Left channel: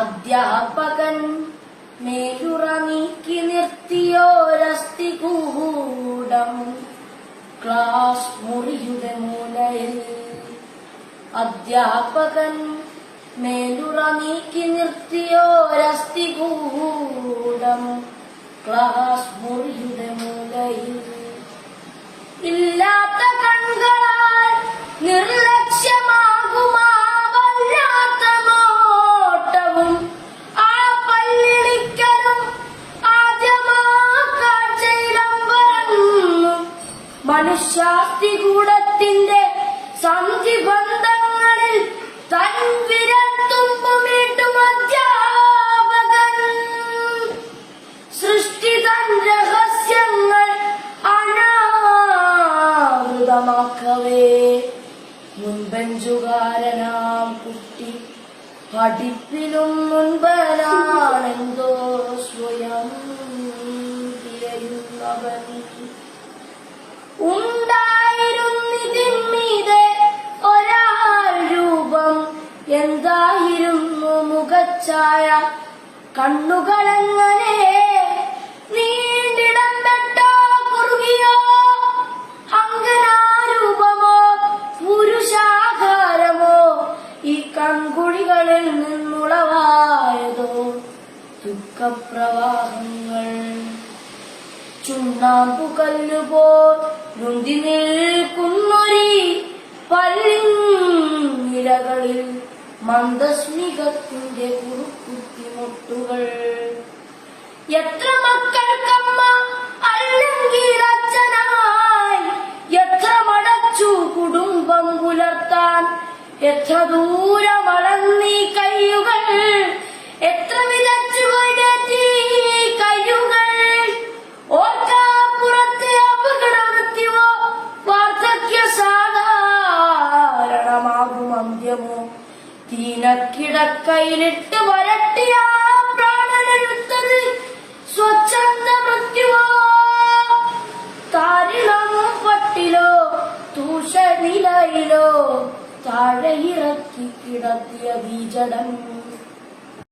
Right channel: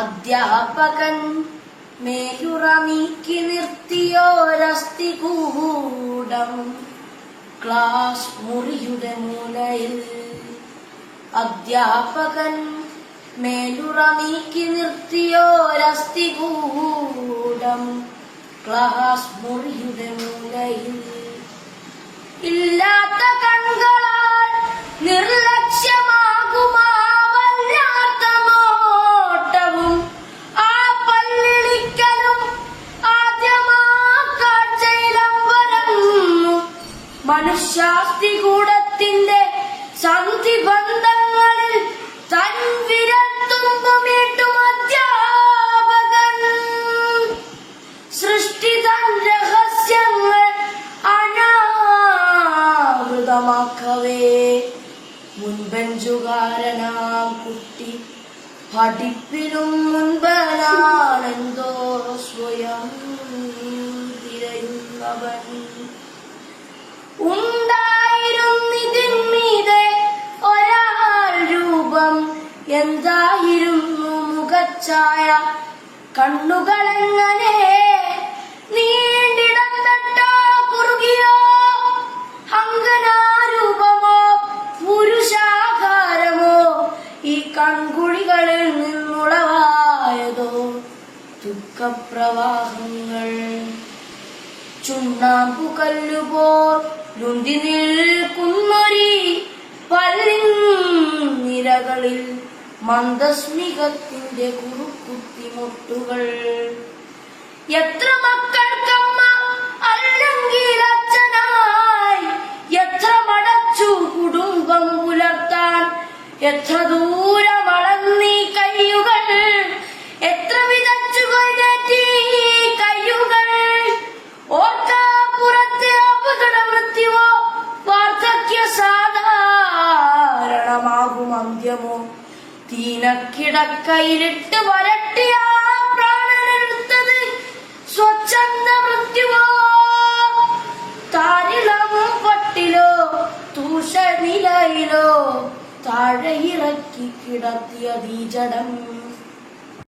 അധ്യാപകൻ മേലുറ നീക്കി നിർത്തിയോരസ്ഥി കൂടം. ക്ലാസ് മുറിയുടെ മൂലയിൽ അധ്യാപകൻ മേലുറ നീക്കി നിർത്തിയോരസ്ഥി കൂടം. ക്ലാസ് മുറിയുടെ മൂലയിൽ ഇല്ലാത്ത മനുഷ്യാസ്തികൂടത്തിന്റെ സന്ധിബന്ധങ്ങളിൽ തൻ വിരത്തുമ്പുമീട്ടും അധ്യാപകൻ. സൃഷ്ടിതൻ രഹസ്യങ്ങൾ അനാമൃതമാക്കവേ മുൻപെഞ്ചുകാരനാം കുട്ടി പഠിപ്പിലും മുൻപനാണെന്തോ സ്വയം തിരയുന്നവൻ. ഉണ്ടായിരുന്നിതിന്മീതെ ഒരാൾ രൂപം എന്തായിരുന്നു മുഖച്ചായ കണ്ണുകളെങ്ങനെ? നീണ്ടിടം പെട്ടോ കുറുകിയോ? അങ്കനാരൂപമോ? പുരുഷാകാരമോ? ഈ കൺകുഴികളിൽ നിന്നുളവായതോ? ദുഃഖപ്രവാഹങ്ങൾ ചുണ്ണാമ്പു നുണ്ടി നിൽക്കുന്നൊരി പല്ലിരകളിൽ മന്ദസ്മികത്തിന്റെ കുറുക്കുത്തിമുട്ടുകൾ. എത്ര മക്കൾക്കമ്മ അല്ലെങ്കിൽ അച്ഛനായി എത്ര മടച്ചു കുടുംബം പുലർത്താൻ എത്ര ദൂരം അളന്നീ കയ്യുകൾ അന്ത്യമോ? തീനക്കിടക്കയിലിട്ട് വരട്ടിയ പ്രാണനെടുത്തത്. സ്വച്ഛന്ത മൃത്യുവോ? താരിളം പട്ടിലോ? തൂഷനിലയിലോ? താഴെ ഇറക്കി കിടത്തിയ ജഡം